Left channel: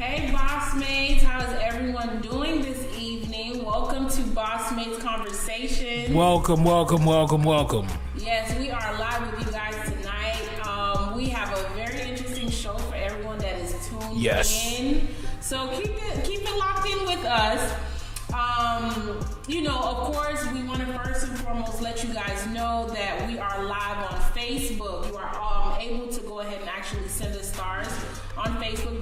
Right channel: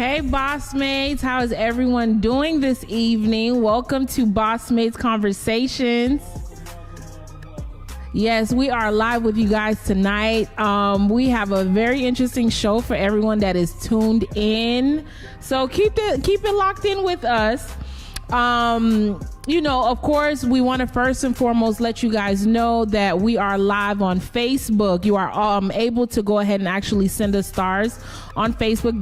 Hey BossMates, how is everyone doing this evening? Welcome to BossMates Conversations. Welcome. Yes, we are live with you guys tonight. We have a very interesting show for everyone that is tuned in. So keep it locked in with us. Of course, we want to first and foremost let you guys know that we are live on Facebook. You are able to go ahead and actually send us stars on Facebook.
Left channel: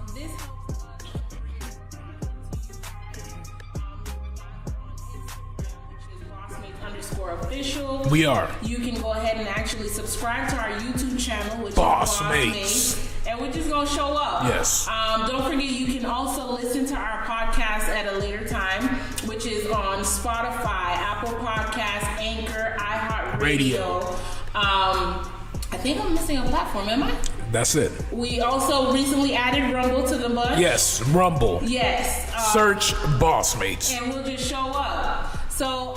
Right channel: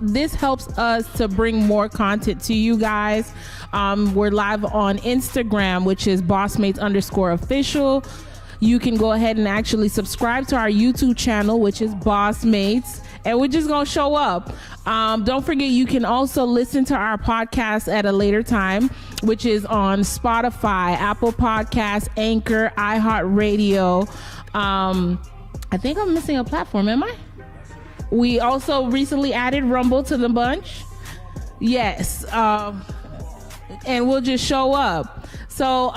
This helps us to bring more content to you guys. We're live on Instagram, which is BossMates_official. We are. You can go ahead and actually subscribe to our YouTube channel, which is BossMates. And we're just going to show up. Yes. Don't forget, you can also listen to our podcast at a later time, which is on Spotify, Apple Podcasts, Anchor, iHeartRadio. I think I'm missing a platform, am I? That's it. We also recently added Rumble to the bunch. Yes, Rumble. Yes. Search BossMates. And we'll just show up. So,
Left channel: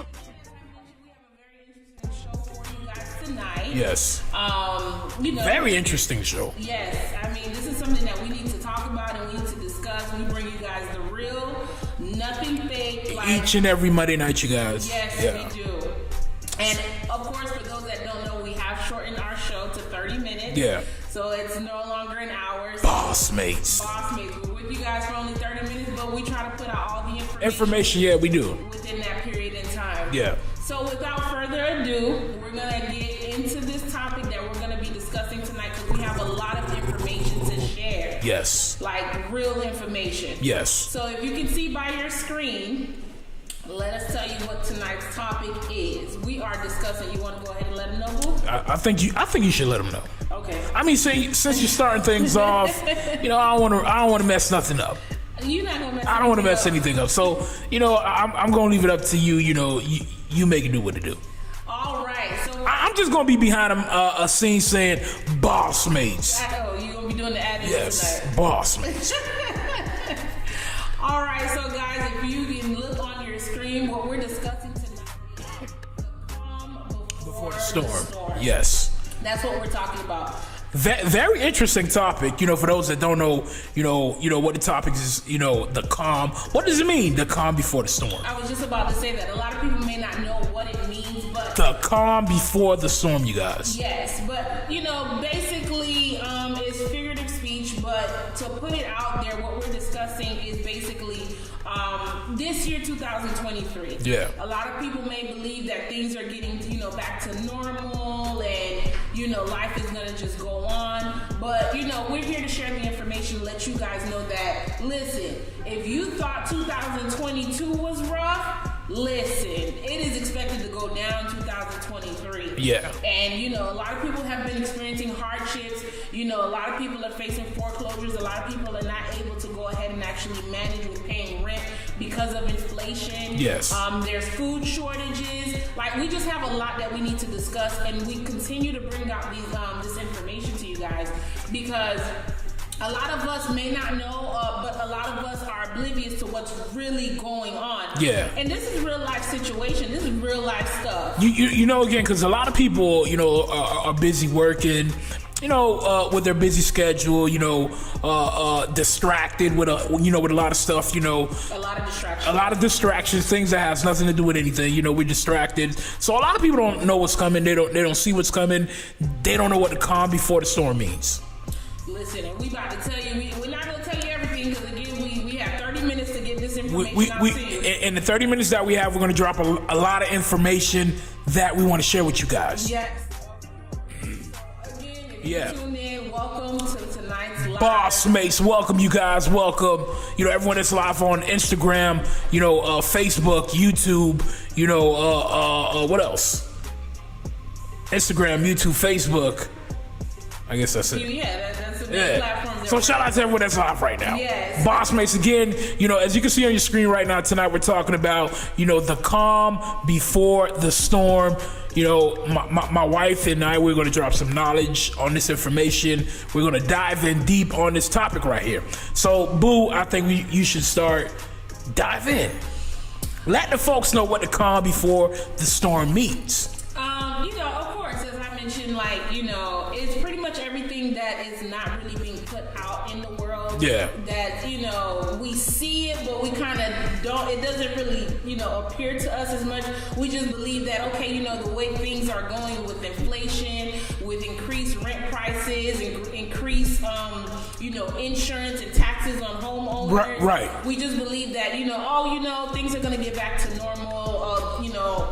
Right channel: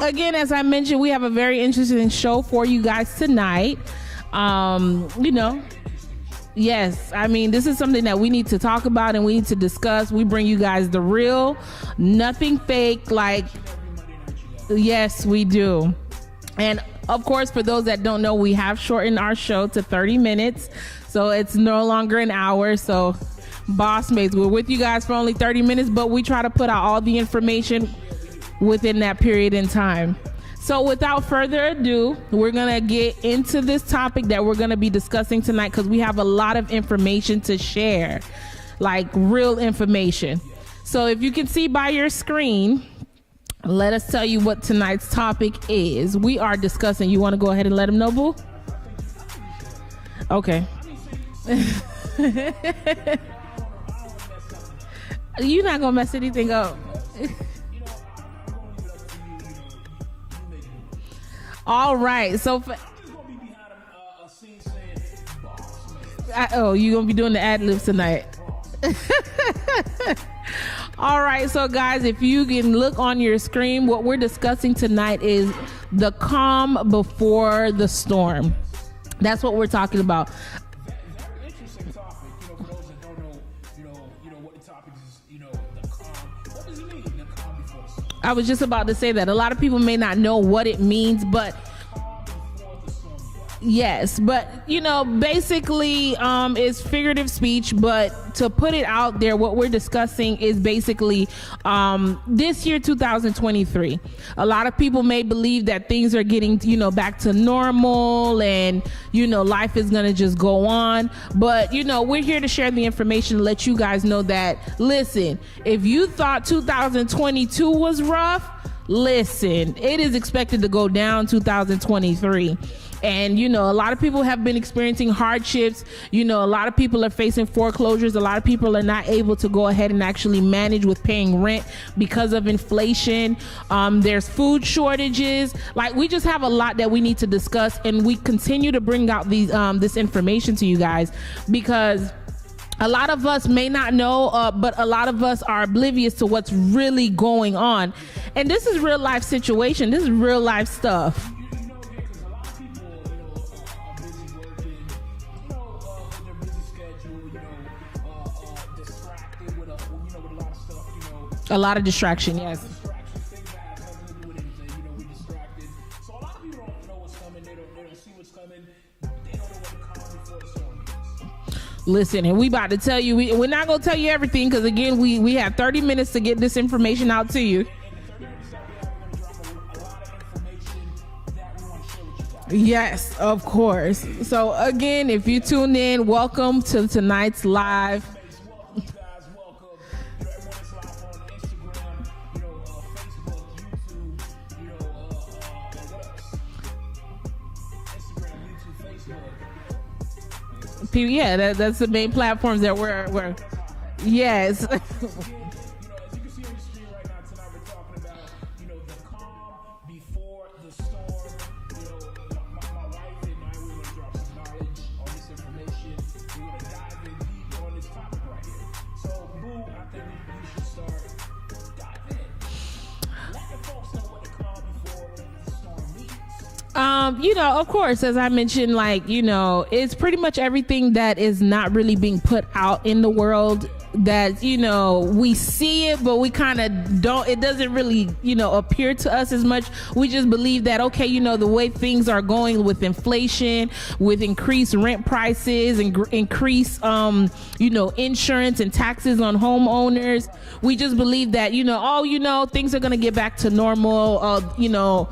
again, as I mentioned, we have a very interesting show for you guys tonight. Yes. Very interesting show. Yes. I mean, this is something that we need to talk about and we need to discuss. We bring you guys the real, nothing fake. Like each and every Monday night, you guys. Yes, we do. And of course, for those that don't know, we have shortened our show to 30 minutes. Yeah. So it's no longer an hour. So BossMates. We're with you guys for only 30 minutes, but we try to put out all the information. Yeah, we do. Within that period in time. Yeah. So without further ado, we're going to get into this topic that we're going to be discussing tonight because we have a lot of information to share. Yes. Like real information. Yes. So if you can see by your screen, let us tell you what tonight's topic is. We are discussing. You want to go ahead and let them know, Boo? I think you should let them know. Okay. I mean, since you're starting things off, I don't want to mess nothing up. You're not gonna mess anything up. I don't want to mess anything up. So, I'm gonna leave it up to you. You make it do what it do. All right. So I'm just gonna be behind a scene saying BossMates. You're gonna be doing the ad-libs tonight. BossMates. All right, so guys, if you can look on your screen, what we're discussing tonight is the calm before the storm. Yes. That's what we're talking about. Very interesting topic. For those that don't know, what the topic is. The calm. What does it mean? The calm before the storm. I was just about to say that a lot of people may not know what it means, but the calm before the storm, you guys. Yes, but basically, it's figurative speech. But to put it out there, what we're discussing is basically this year, 2023. Yeah. A lot of people may believe that things are getting back to normal, and life is gonna just go on, but we're here to share the information, let you guys know that, listen, if you thought 2022 was rough, listen, it is expected to go down 2023. Yeah. And a lot of people have been experiencing hardships. A lot of people are facing foreclosures. A lot of people are not able to go ahead and actually manage with paying rent because of inflation. Yes. There's food shortages. Like, we just have a lot that we need to discuss, and we continue to bring out these this information to you guys because a lot of us may not know, but a lot of us are oblivious to what's really going on. Yeah. And this is real life situation. This is real life stuff. Again, because a lot of people, are busy working, with their busy schedule, distracted with a lot of stuff, A lot of distractions. A lot of distractions, things that has nothing to do with anything. We're distracted. So a lot of people don't know what's coming. They don't see what's coming. They don't know what the calm before the storm means. Listen, and we about to tell you, we're not going to tell you everything because, again, we have 30 minutes to get this information out to you. In the 30 minutes that we have, we're going to drop a lot of information that we want to share with you guys. Yes, of course. So, again, if you tune in, welcome to tonight's live. BossMates, welcome, you guys. Welcome. Everyone that's live on Instagram, Facebook, YouTube, what else? Instagram, YouTube, Facebook. I guess that's it. Yeah, that's the big platforms that we're So shout out to everyone that's live right now. Yes. BossMates, again, as you can see on your screen right now, tonight we're talking about, the calm before the storm. My wife and I, we're going to drop some knowledge on this information. We're going to dive in deep on this topic right here. So, Boo, I think you should start. Dive in. Let the folks know what the calm before the storm means. You know, of course, as I mentioned, like, you know, it's pretty much everything that is not really being put out in the world. Yeah. That, you know, we see it, but we kind of don't, it doesn't really, you know, appear to us as much. We just believe that, okay, you know, the way things are going with inflation, with increased rent prices and increased, you know, insurance and taxes on homeowners. Right. We just believe that, you know, oh, you know, things are going to get back to normal, you know,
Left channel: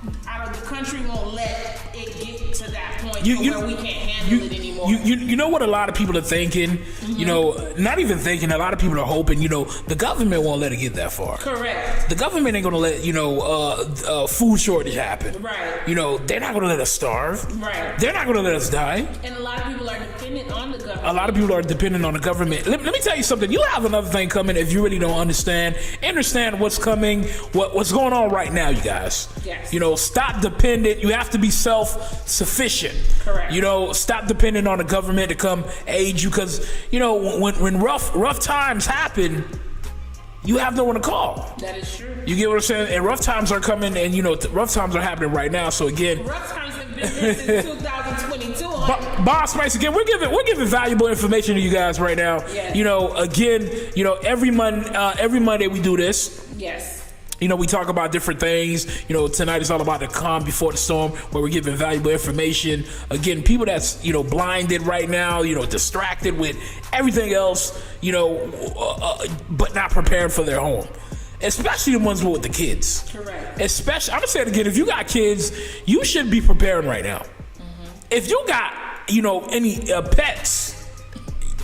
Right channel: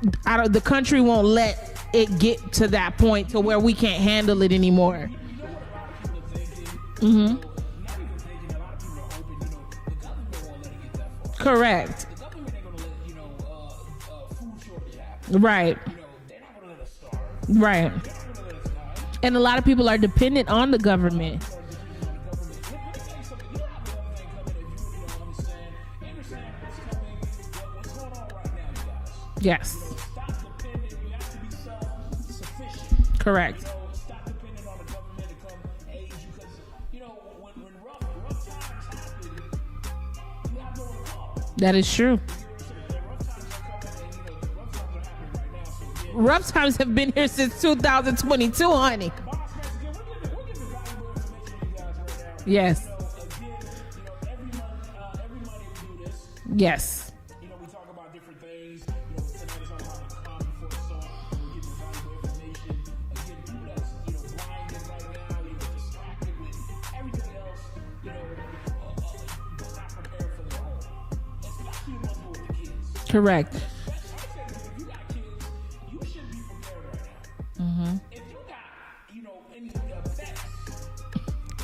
the country won't let it get to that point where we can't handle it anymore. You know what a lot of people are thinking? Mm-hmm. You know, not even thinking, a lot of people are hoping, you know, the government won't let it get that far. Correct. The government ain't going to let, you know, food shortage happen. Right. You know, they're not going to let us starve. Right. They're not going to let us die. And a lot of people are dependent on the government. A lot of people are dependent on the government. Let me tell you something. You have another thing coming if you really don't understand what's coming, what's going on right now, you guys. Yes. You know, stop dependent. You have to be self-sufficient. Correct. You know, stop depending on the government to come aid you, because, you know, when rough times happen, you have no one to call. That is true. You get what I'm saying? And rough times are coming, and, you know, rough times are happening right now. So again, rough times have been here since 2022, honey. BossMates, again, we're giving valuable information to you guys right now. Yes. You know, again, you know, every Monday we do this. Yes. You know, we talk about different things. You know, tonight is all about the calm before the storm, where we're giving valuable information. Again, people that's, you know, blinded right now, you know, distracted with everything else, you know, but not prepared for their home. Especially the ones with the kids. Correct. Especially, I'm gonna say it again, if you got kids, you should be preparing right now. Mm-hmm. If you got, you know, any pets,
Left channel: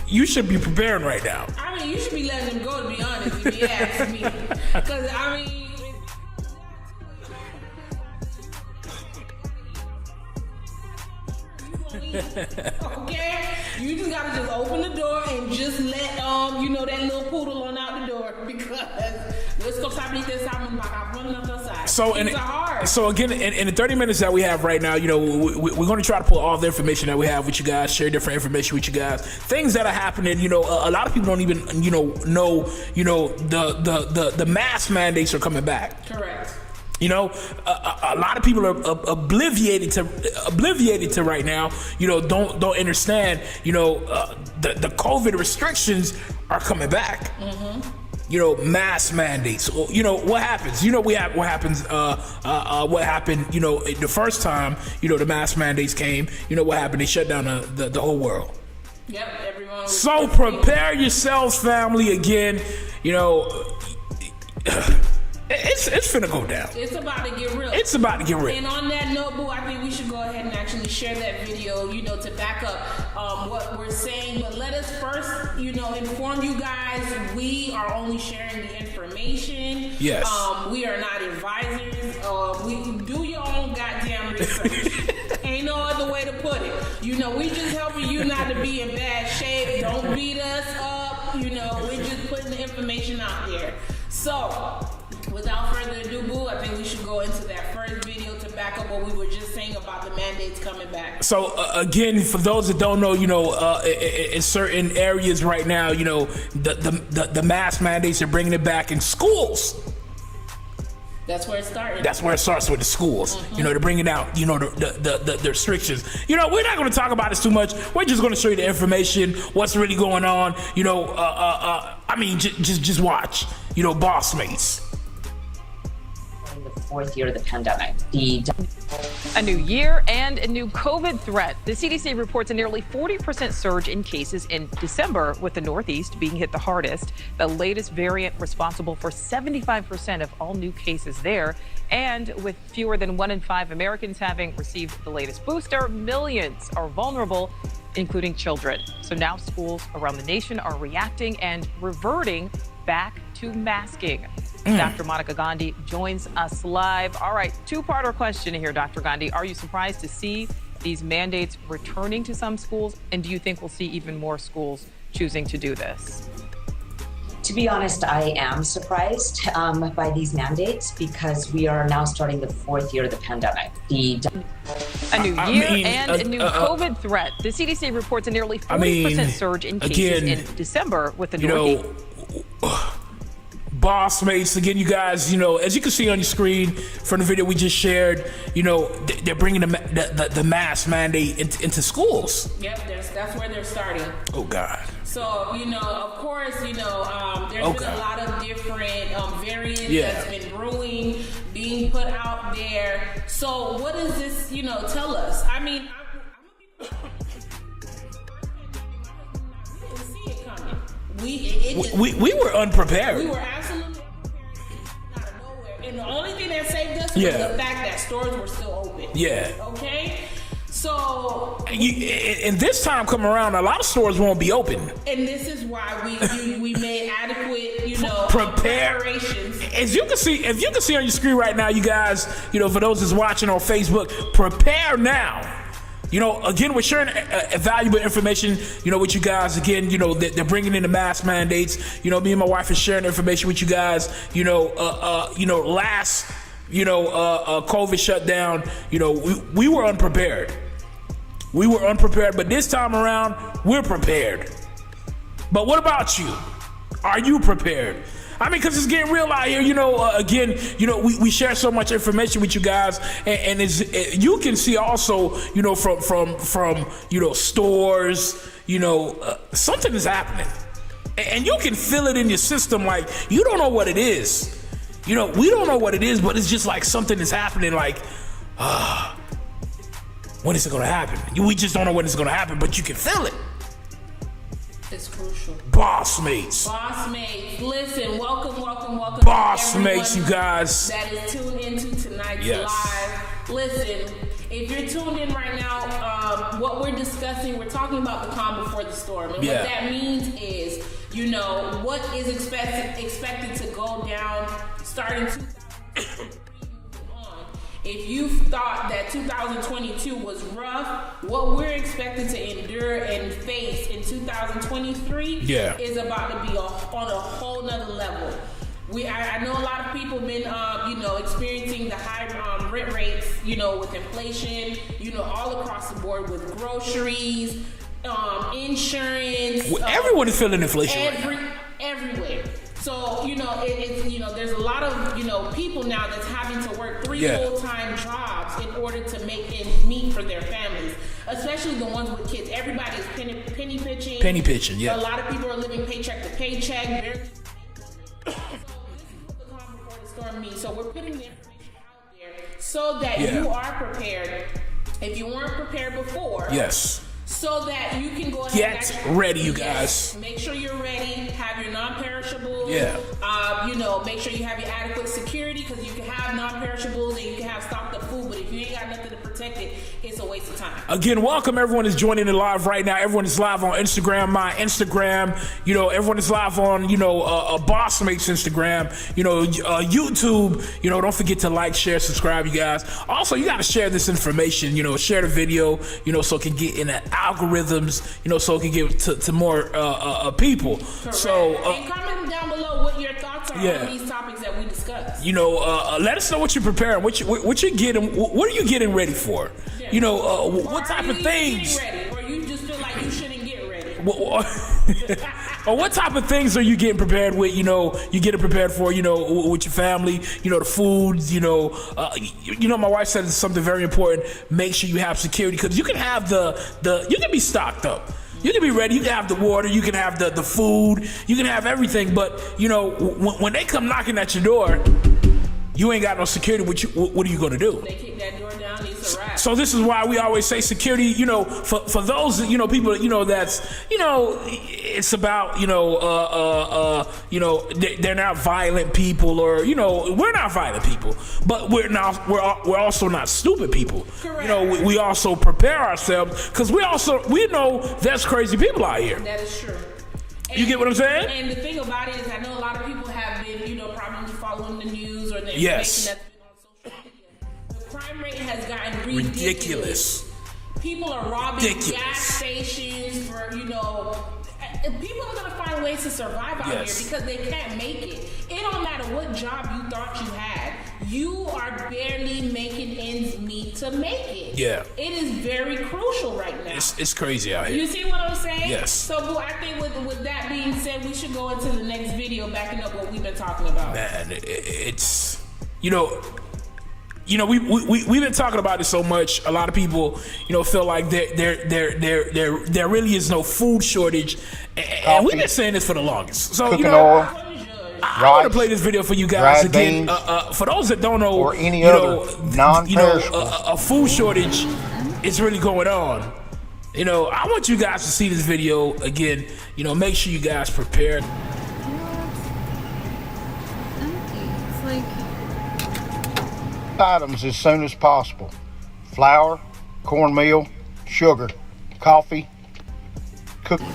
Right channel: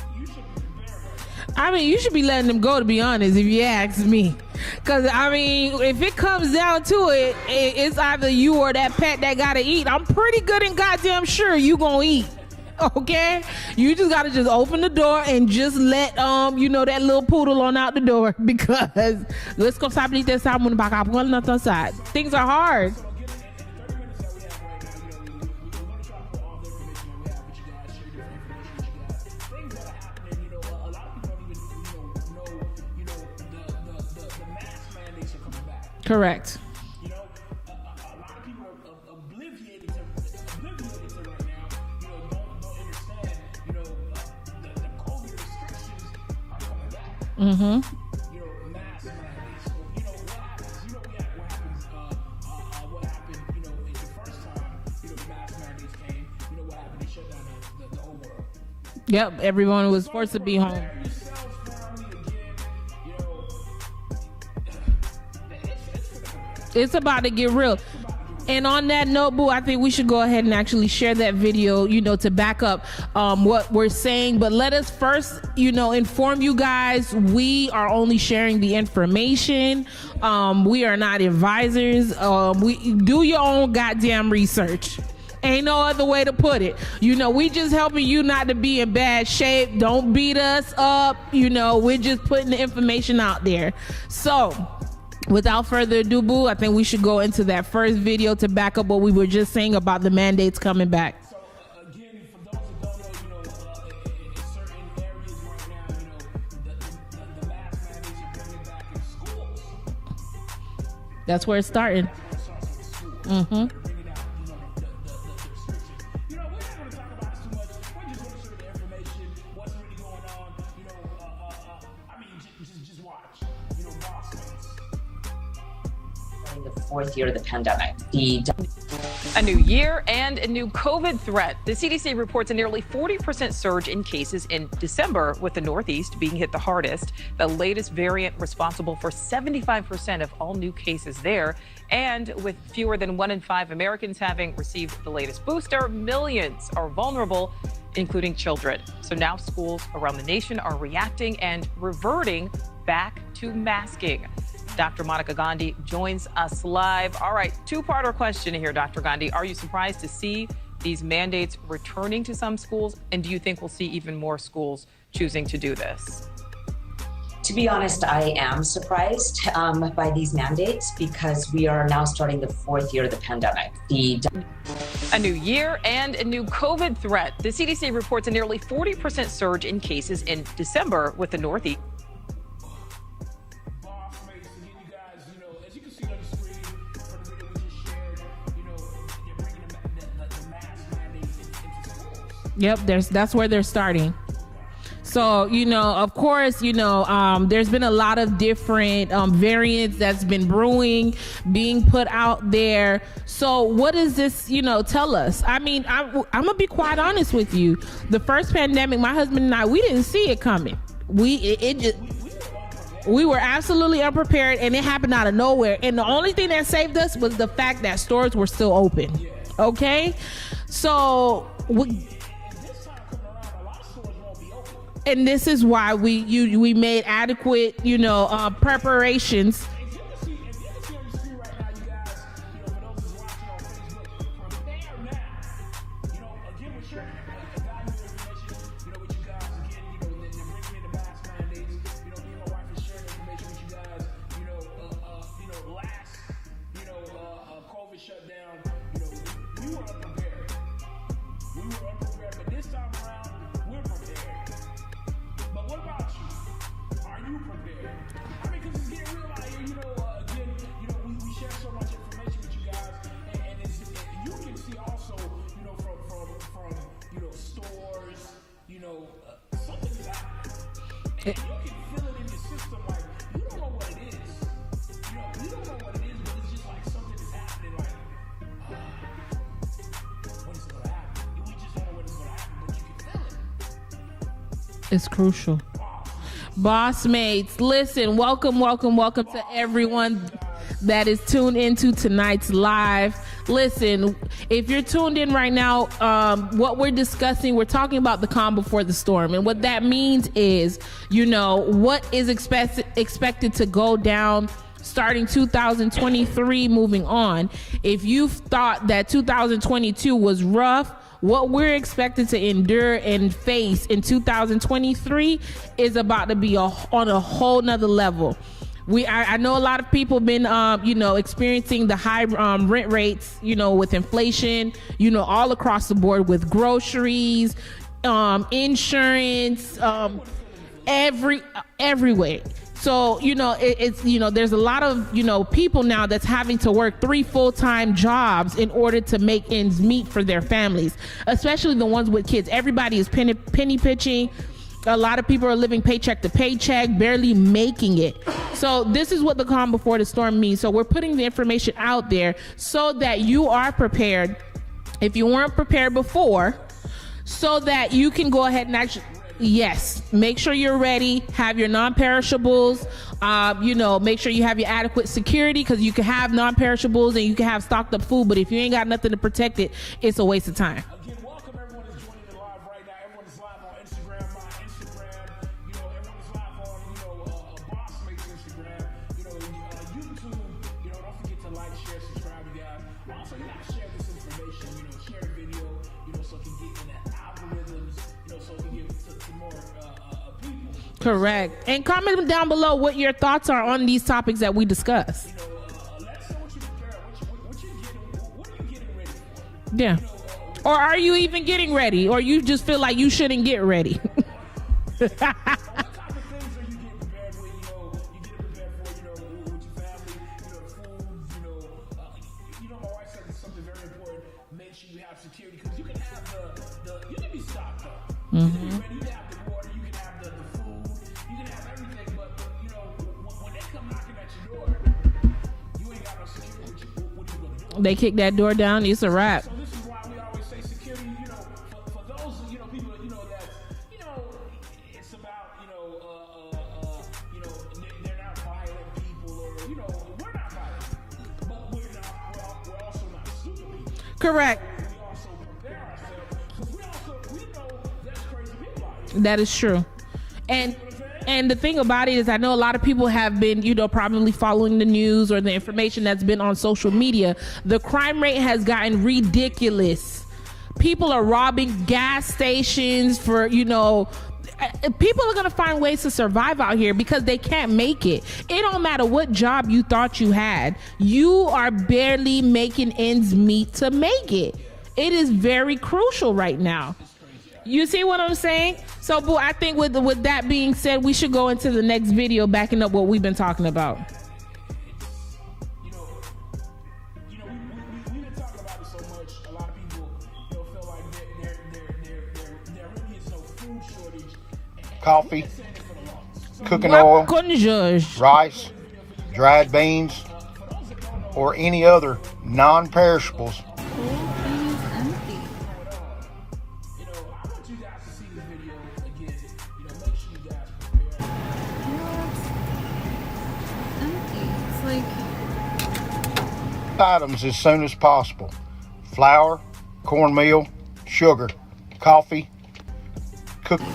you should be preparing right now. I mean, you should be letting them go, to be honest, if you ask me. Because, I mean, if it comes down to it, it's either you or that pet that got to eat. I'm pretty good and goddamn sure you going to eat. Okay? You just got to just open the door and just let, you know, that little poodle on out the door. Because let's go stop eating that salmon back up on the side. So things are hard. So, again, in the 30 minutes that we have right now, you know, we're going to try to pull all the information that we have with you guys, share different information with you guys. Things that are happening, you know, a lot of people don't even, you know, the mask mandates are coming back. Correct. You know, a lot of people are obliviated to right now. You know, don't understand. You know, the COVID restrictions are coming back. Mm-hmm. You know, mask mandates. You know what happens. You know what happens. What happened? You know, the first time, you know, the mask mandates came. You know what happened? They shut down the whole world. Yep, everyone was. So prepare yourselves, family. Again, you know, it's finna go down. It's about to get real. It's about to get real. And on that note, boo, I think we should go ahead and actually share that video, you know, to back up what we're saying. But let us first, you know, inform you guys, we are only sharing the information. Yes. We are not advisors. We do your own goddamn research. Ain't no other way to put it. You know, we just helping you not to be in bad shape. Don't beat us up. You know, we're just putting the information out there. So, without further ado, boo, I think we should go into that first video to back up what we were just saying about the mandates coming back. So, again, for those that don't know, you know, in certain areas right now, you know, the mask mandates are bringing it back in schools. That's where it started. That's where it starts with the schools. Mm-hmm. You know, they're bringing out, you know, the restrictions. You know, we're not going to talk about this too much. We're just going to show you the information, what's really going on. You know, I mean, just watch. You know, BossMates. In the fourth year of the pandemic, a new year and a new COVID threat. The CDC reports a nearly 40% surge in cases in December, with the Northeast being hit the hardest. The latest variant responsible for 75% of all new cases there. And with fewer than 1 in 5 Americans having received the latest booster, millions are vulnerable, including children. So now schools around the nation are reacting and reverting back to masking. Dr. Monica Gandhi joins us live. All right, two-parter question here, Dr. Gandhi. Are you surprised to see these mandates returning to some schools? And do you think we'll see even more schools choosing to do this? To be honest, I am surprised by these mandates because we are now starting the fourth year of the pandemic. A new year and a new COVID threat. The CDC reports a nearly 40% surge in cases in December, with the Northeast. BossMates. Again, you guys, as you can see on your screen from the video we just shared, they're bringing the mask mandate into schools. Yep, that's where they're starting. Oh God. So, of course, there's been a lot of different variants that's been brewing, being put out there. So what does this, tell us? I mean, I'm going to be quite honest with you. The first pandemic, my husband and I, we didn't see it coming. We were unprepared. We were absolutely unprepared, and it happened out of nowhere. And the only thing that saved us was the fact that stores were still open. Yeah. Okay? So, and this time come around, a lot of stores won't be open. And this is why we made adequate, preparations. As you can see, if you can see on your screen right now, you guys, for those that's watching on Facebook, prepare now. Again, we're sharing valuable information, with you guys. Again, they're bringing in the mask mandates. Me and my wife are sharing information with you guys. Last, COVID shutdown, we were unprepared. We were unprepared, but this time around, we're prepared. But what about you? Are you prepared? I mean, because it's getting real out here, again, we share so much information with you guys, and you can see also, from stores, something is happening. And you can feel it in your system, like, you don't know what it is. We don't know what it is, but it's just like something is happening, like, when is it going to happen? We just don't know when it's going to happen, but you can feel it. It's crucial. BossMates. Listen, welcome to everyone you guys that is tuned into tonight's live. Listen, if you're tuned in right now, what we're discussing, we're talking about the calm before the storm. And what that means is, what is expected to go down starting 2023 moving on. If you thought that 2022 was rough, what we're expected to endure and face in 2023 is about to be on a whole nother level. I know a lot of people have been, experiencing the high rent rates, with inflation, all across the board with groceries, insurance. Everyone is feeling inflation. Everywhere. So, there's a lot of, people now that's having to work 3 full-time jobs in order to make ends meet for their families, especially the ones with kids. Everybody is penny pitching. A lot of people are living paycheck to paycheck, barely making it. So this is what the calm before the storm means. So we're putting the information out there so that you are prepared. If you weren't prepared before. So that you can go ahead and actually ready. Yes, make sure you're ready. Have your non-perishables. Make sure you have your adequate security, because you can have non-perishables and you can have stocked up food, but if you ain't got nothing to protect it, it's a waste of time. Again, welcome everyone is joining in live right now. Everyone is live on Instagram, my Instagram. Everyone is live on BossMates Instagram. YouTube. Don't forget to like, share, subscribe, you guys. Also, you got to share this information. Share the video. So it can get in the algorithms, so it can get to more people. Correct. So, and comment down below what your thoughts are on these topics that we discussed. Let us know what you're preparing, what you're getting, what are you getting ready for? Yeah. Or are you even getting ready, or you just feel like you shouldn't get ready? Or what type of things are you getting prepared with? You getting prepared for, with your family, the foods, my wife said something very important. Make sure you have security, because you can have you can be stocked up. You can be ready. You can have the water. You can have the food. You can have everything. But, when they come knocking at your door, you ain't got no security. What are you going to do? They kick that door down, it's a wrap. So this is why we always say security, for those, people, that's, it's about, they're not violent people, or, we're not violent people, but we're also not stupid people. Correct. We also prepare ourselves, because we know there's crazy people out here. That is true. And, you get what I'm saying? And the thing about it is, I know a lot of people have been, probably following the news or the information that's been on social media. The crime rate has gotten ridiculous. People are robbing gas stations for, people are gonna find ways to survive out here because they can't make it. It don't matter what job you thought you had, you are barely making ends meet to make it. Yeah, it is very crucial right now. It's crazy out here. You see what I'm saying? Yes. So, boo, I think with that being said, we should go into the next video, backing up what we've been talking about. Man, it's we've been talking about it so much. A lot of people, feel like there really is no food shortage. And we've been saying this for the longest. So, cooking oil, I rice, want to play this video for you guys dried again. beans, for those that don't know, or any other non-perishable. A food shortage is really going on. I want you guys to see this video again. Make sure you guys prepare. Empty. It's like items as soon as possible: flour, cornmeal, sugar, coffee, cook. Are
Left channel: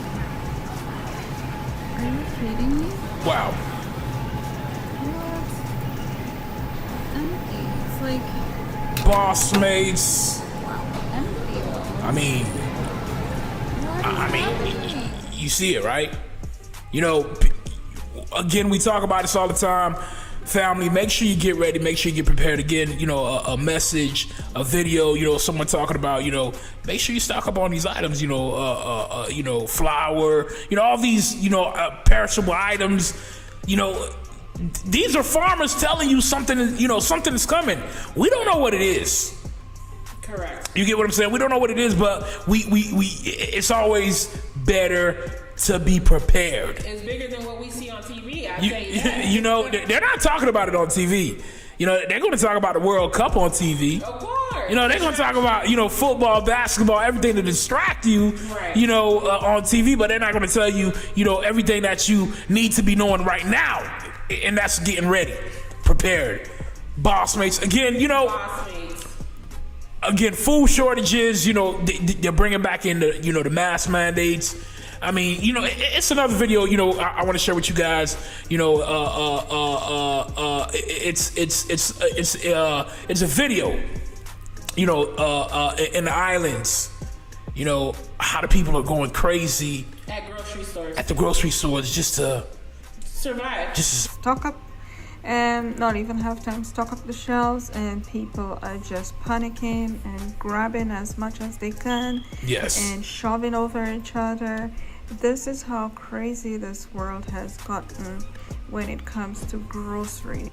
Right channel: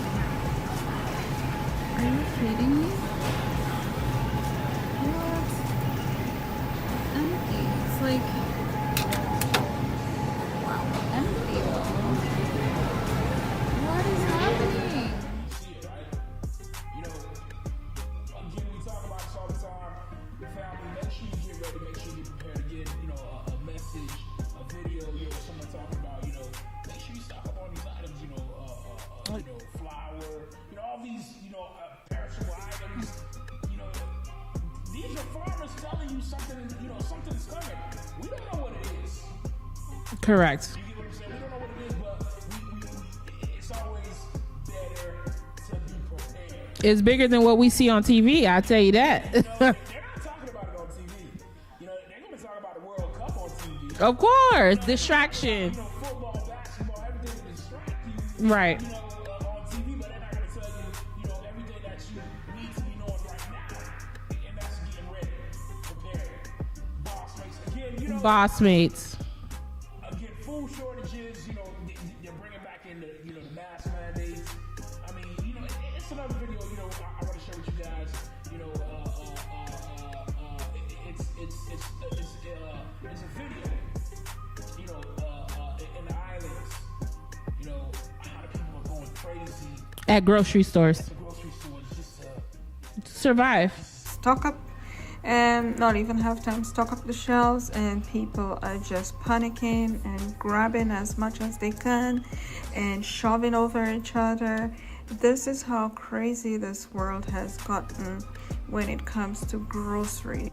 you kidding me? Wow. What? Empty. It's like BossMates. wow. Empty. I mean, What is happening? you see it, right? Again, we talk about this all the time. Family, make sure you get ready, make sure you get prepared. Again, a message, a video, someone talking about, make sure you stock up on these items, flour, all these, perishable items, these are farmers telling you something, something is coming. We don't know what it is. Correct. You get what I'm saying? We don't know what it is, but it's always better to be prepared. It's bigger than what we see on TV. I tell you that. They're not talking about it on TV. They're going to talk about the World Cup on TV. Of course. They're going to talk about football, basketball, everything to distract you. Right. On TV, but they're not going to tell you everything that you need to be knowing right now, and that's getting ready, prepared. BossMates again. BossMates. Again, food shortages. They're bringing back in the mask mandates. I mean, it's another video. I want to share with you guys. It's a video. In the islands. How the people are going crazy At grocery stores. At the grocery stores just to survive. Stock up, and not even have time to stock up the shelves, and people are just panicking and grabbing as much as they can. Yes. And shoving over each other. This is how crazy this world has gotten when it comes to grocery.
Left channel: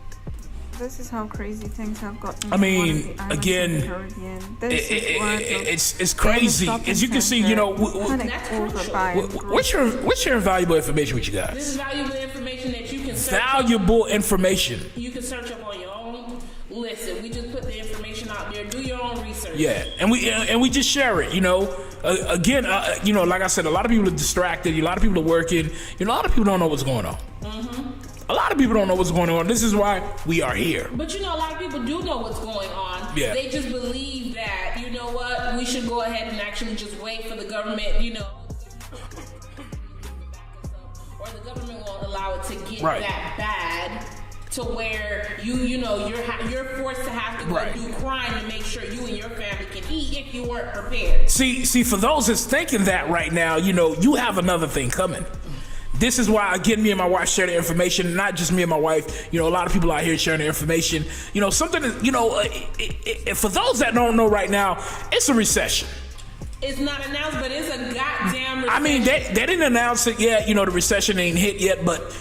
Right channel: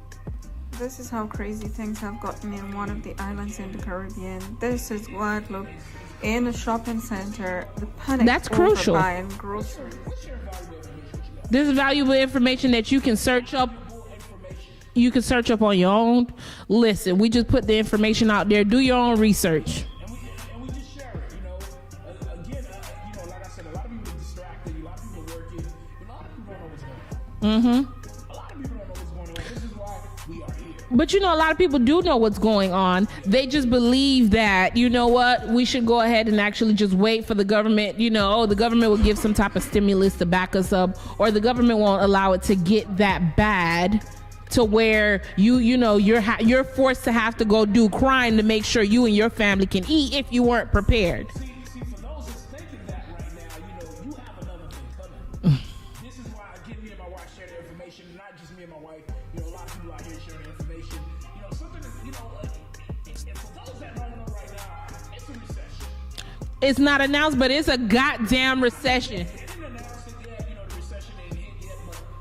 This is how crazy things have gotten in one of the islands in the Caribbean. This is what it's crazy. As you can see, that's crucial. What's your valuable information with you guys? This is valuable information that you can search information. You can search up on your own. Listen, we just put the information out there. Do your own research. Yeah, and we just share it. Again, like I said, a lot of people are distracted. A lot of people are working. A lot of people don't know what's going on. Mm-hmm. A lot of people don't know what's going on. This is why we are here. But a lot of people do know what's going on. Yeah. They just believe that, we should go ahead and actually just wait for the government. The government will give some type of stimulus to back us up, or the government won't allow it to get that bad to where you're forced to have to go do crime to make sure you and your family can eat if you weren't prepared. See, for those that's thinking that right now, you have another thing coming. This is why, again, me and my wife share the information. Not just me and my wife. A lot of people out here sharing the information. Something that, for those that don't know right now, it's a recession. It's not announced, but it's a goddamn recession. I mean, they didn't announce it yet. The recession ain't hit yet. But,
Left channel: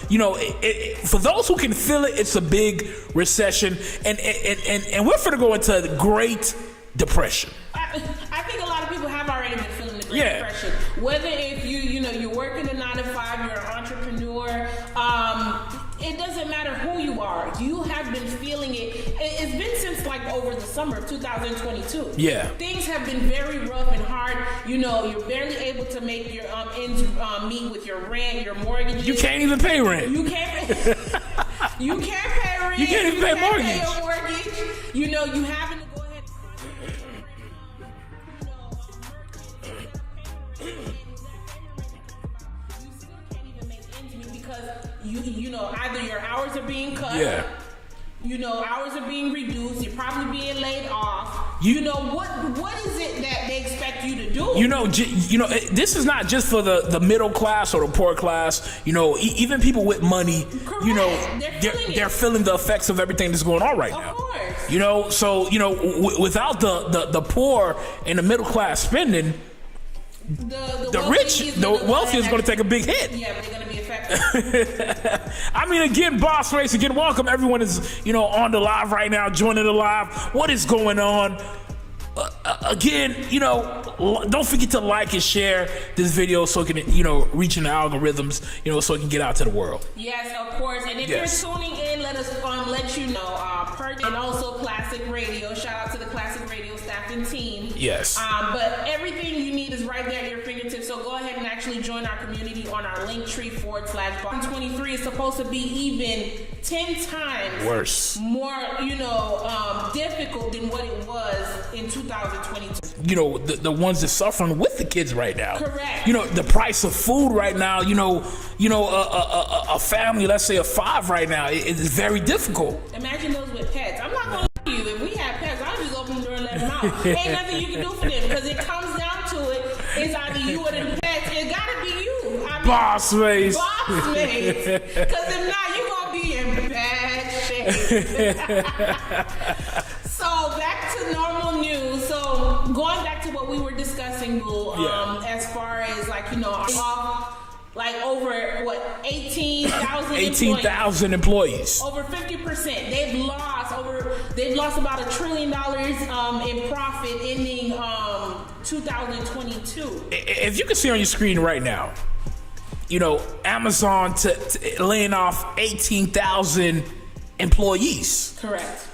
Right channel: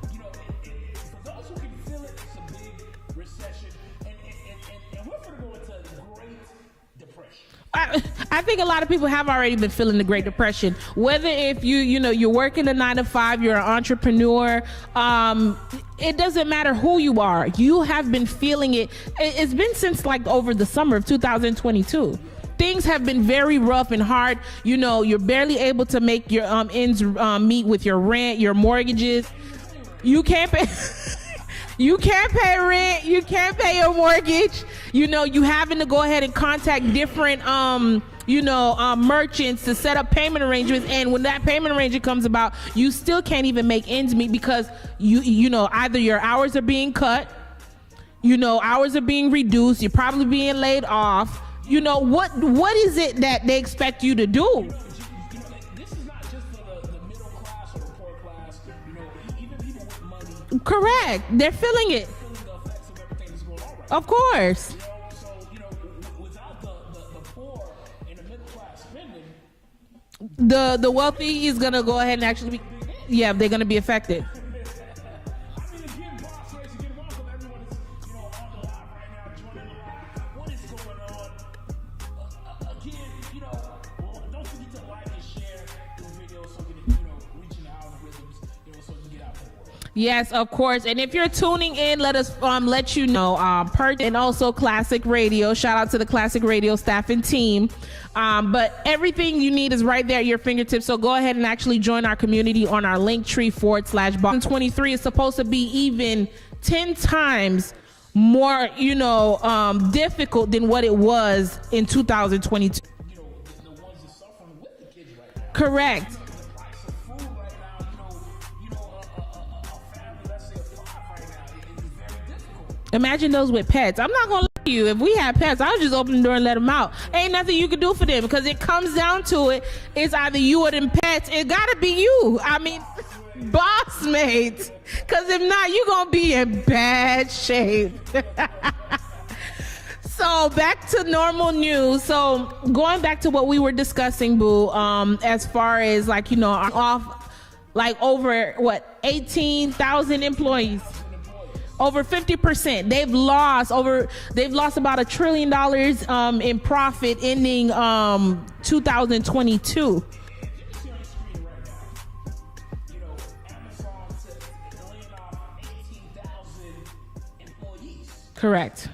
for those who can feel it, it's a big recession. And we're finna go into the Great Depression. I think a lot of people have already been feeling the Great Depression. Whether if you're working a 9-to-5, you're an entrepreneur, it doesn't matter who you are. You have been feeling it. It's been since over the summer of 2022. Yeah. Things have been very rough and hard. You're barely able to make your ends meet with your rent, your mortgages. You can't even pay rent. You can't pay. You can't pay rent. You can't pay your mortgage. You having to go ahead and contact different merchants to set up payment arrangements, and when that payment arrangement comes about, you still can't even make ends meet because you either your hours are being cut, Hours are being reduced. You're probably being laid off. What is it that they expect you to do? This is not just for the middle class or the poor class. Even people with money. Correct. They're feeling it. They're feeling the effects of everything that's going on right now. Of course. Without the poor and the middle class spending, the wealthy rich, is going to go ahead and going to take a big hit. Yeah, they're going to be affected. Again, BossMates, again, welcome. Everyone is, on the live right now, joining the live. What is going on? Again, don't forget to like and share this video so it can, reach in the algorithms, so it can get out to the world. Yes, of course. And if you're tuning in, let us let you know. And also Classic Radio. Shout out to the Classic Radio staff and team. Yes. But everything you need is right there at your fingertips. So go ahead and actually join our community on our Linktree/Boss23 is supposed to be even 10 times worse, more, difficult than what it was in 2022. The ones that suffering with the kids right now. Correct. The price of food right now. A family, let's say of 5 right now, it's very difficult. Imagine those with pets. I'm not gonna lie to you. If we had pets, I'll just open the door and let them out. Ain't nothing you can do for them because it comes down to it. It's either you or them pets. It gotta be you. BossMates. BossMates. Because if not, you're gonna be in bad shape. So back to normal news. So going back to what we were discussing, Boo, as far as over 18,000 employees. 18,000 employees. Over 50%. They've lost about $1 trillion in profit ending 2022. If you can see on your screen right now, Amazon laying off 18,000 employees. Correct.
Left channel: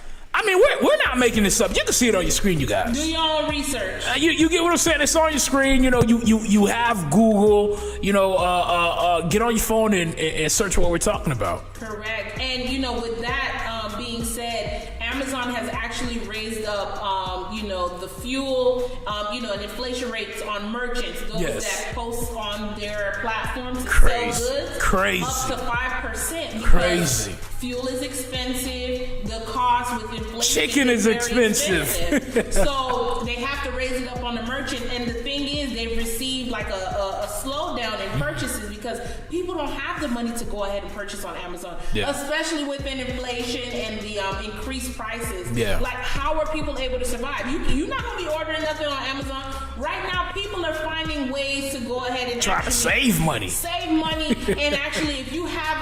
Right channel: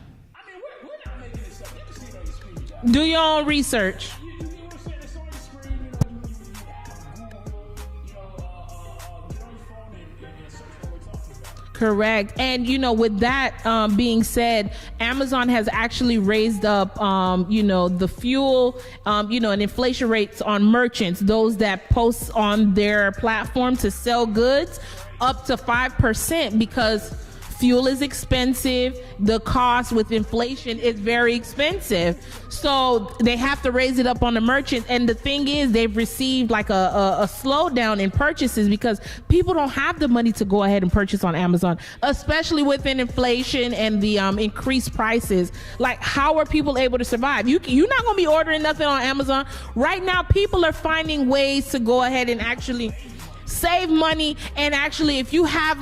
We're not making this up. You can see it on your screen, you guys. Do your own research. You get what I'm saying? It's on your screen. You have Google. Get on your phone and search what we're talking about. Correct. And with that being said, Amazon has actually raised up the fuel and inflation rates on merchants, those that post on their platform to sell goods, up to 5% because fuel is expensive. The cost with inflation is very expensive. So they have to raise it up on the merchants. And the thing is, they've received like a slowdown in purchases because people don't have the money to go ahead and purchase on Amazon, especially within inflation and the increased prices. Like, how are people able to survive? You're not going to be ordering nothing on Amazon. Right now, people are finding ways to go ahead and try actually to save money. And actually, if you have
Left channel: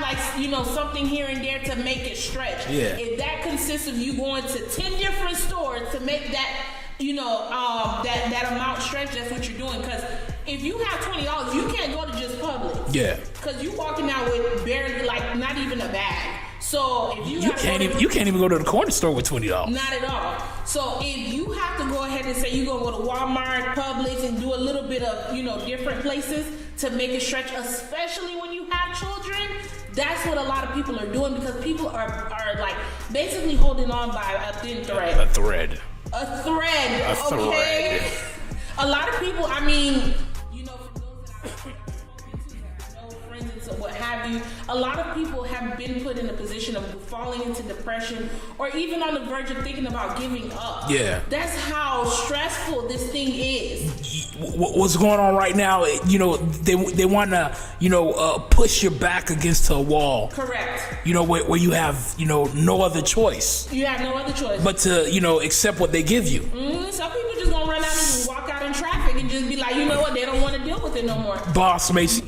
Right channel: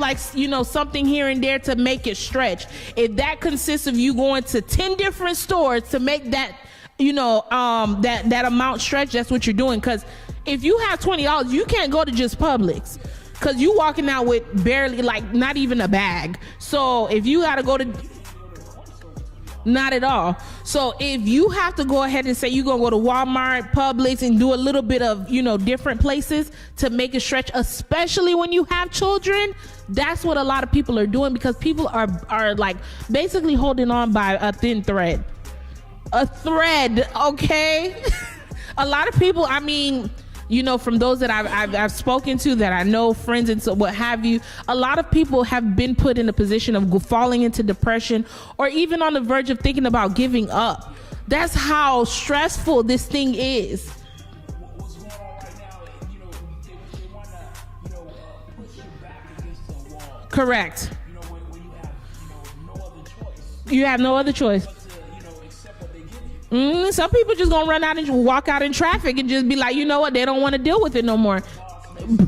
something here and there to make it stretch, if that consists of you going to 10 different stores to make that that amount stretch, that's what you're doing. Because if you have $20, you can't go to just Publix. Because you walking out with barely, not even a bag. So if you gotta you can't even go to the corner store with $20. Not at all. So if you have to go ahead and say you're gonna go to Walmart, Publix, and do a little bit of different places to make it stretch, especially when you have children. That's what a lot of people are doing because people are basically holding on by a thin thread. A thread, okay? A lot of people, from those that I've spoken to, that I know, friends and so what have you, a lot of people have been put in a position of falling into depression or even on the verge of thinking about giving up. That's how stressful this thing is. What's going on right now, they want to, push your back against a wall. Correct. Where you have, no other choice. You have no other choice. But to, accept what they give you. Some people just gonna run out and walk out in traffic and just be like, you know what, they don't want to deal with it no more. BossMates.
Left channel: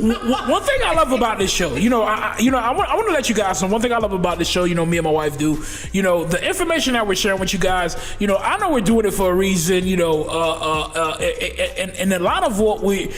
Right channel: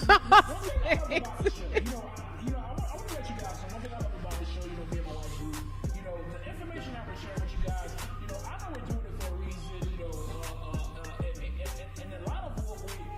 One thing I love about this show, I want to let you guys know. One thing I love about this show, me and my wife do, the information that we're sharing with you guys, I know we're doing it for a reason, and a lot of what we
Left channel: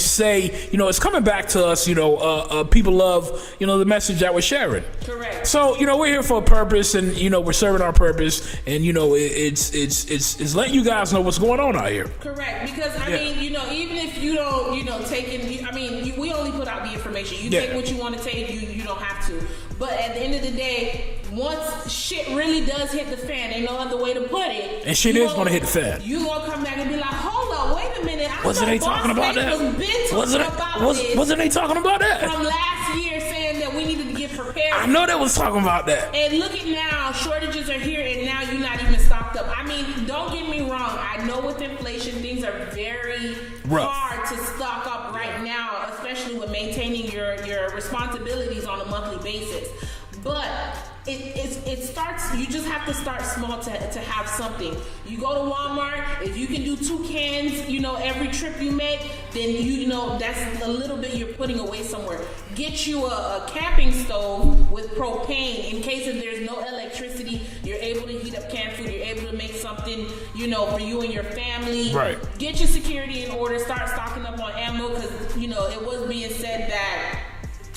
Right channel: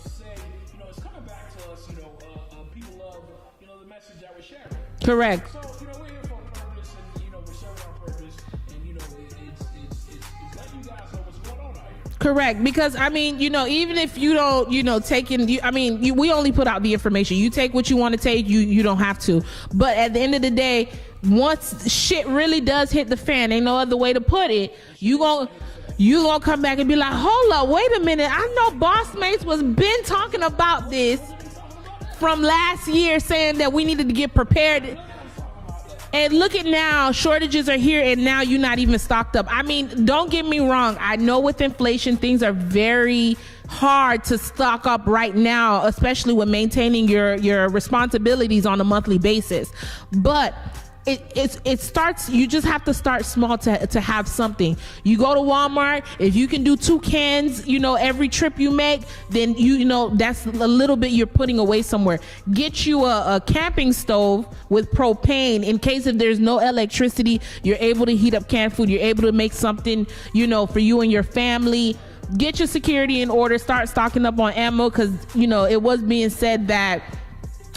say, it's coming back to us, people love, the message that we're sharing. Correct. So, we're here for a purpose, and, we're serving our purpose, and, it's letting you guys know what's going on out here. Correct. Because, even if you don't, take in, we only put out the information. You take what you want to take. You don't have to. But at the end of the day, once shit really does hit the fan, ain't no other way to put it. And shit is gonna hit the fan. You gonna come back and be like, hold up, wait a minute. I Wasn't know they talking about BossMates that? was been talking about this. Wasn't they talking about that? From last year, saying that we needed to get prepared. I know they was talking about that. And look at now, shortages are here, and now you're not even stocked up. I mean, don't get me wrong. I know with inflation, things are very hard to stock up right now, especially with maintaining your responsibilities on a monthly basis. But it starts. You just have to start small to have something. You go to Walmart. If you can do 2 cans, every trip you make, then you know that's a little bit you're putting away somewhere. Get you a camping stove with propane in case if there's no electricity, you're able to heat up canned food. You're able to make something for you and your family. Right. Get your security in order. Start stocking up on ammo because it was being said that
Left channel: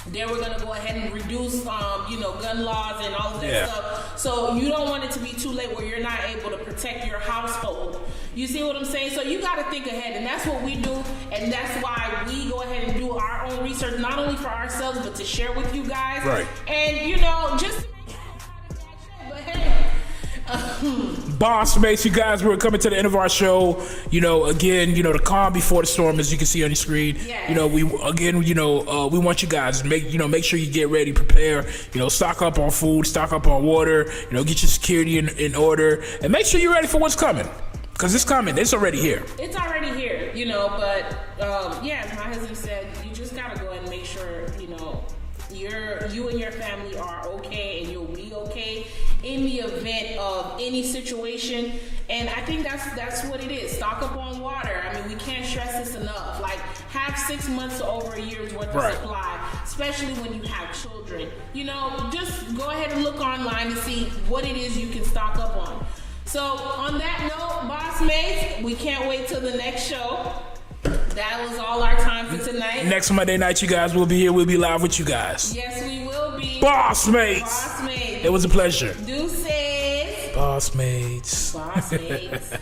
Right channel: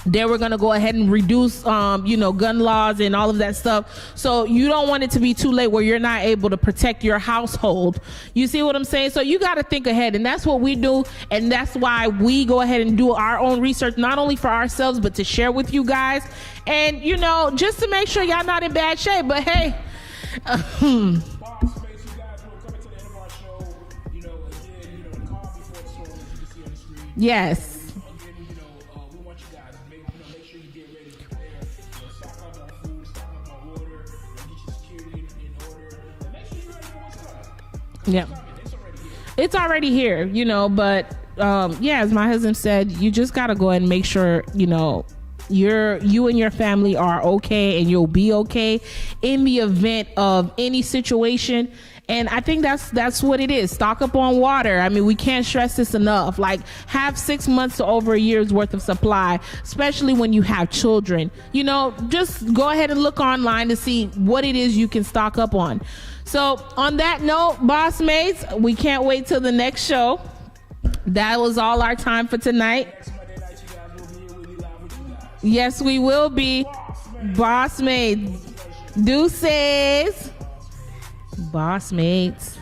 they were going to go ahead and reduce, gun laws and all of that stuff. So you don't want it to be too late where you're not able to protect your household. You see what I'm saying? So you got to think ahead, and that's what we do. And that's why we go ahead and do our own research, not only for ourselves, but to share with you guys. Right. And, just to make sure y'all not in bad shape. But hey, BossMates, you guys, we're coming to the end of our show. Again, the calm before the storm, as you can see on your screen. Yes. We want you guys to make sure you get ready, prepare. Stock up on food, stock up on water. Get your security in order, and make sure you're ready for what's coming. Because it's coming. It's already here. It's already here, but as my husband said, you just got to go ahead and make sure, you and your family are okay, and you'll be okay in the event of any situation. And I think that's what it is. Stock up on water. I mean, we can't stress this enough. Like, have 6 months to over a year's worth of supply, especially when you have children. Just go ahead and look online to see what it is you can stock up on. So on that note, BossMates, we can't wait till the next show. That was all our time for tonight. Next Monday night, you guys will be here. We'll be live with you guys. Yes, we will be. BossMates. It was a pleasure. Deuces. BossMates. BossMates.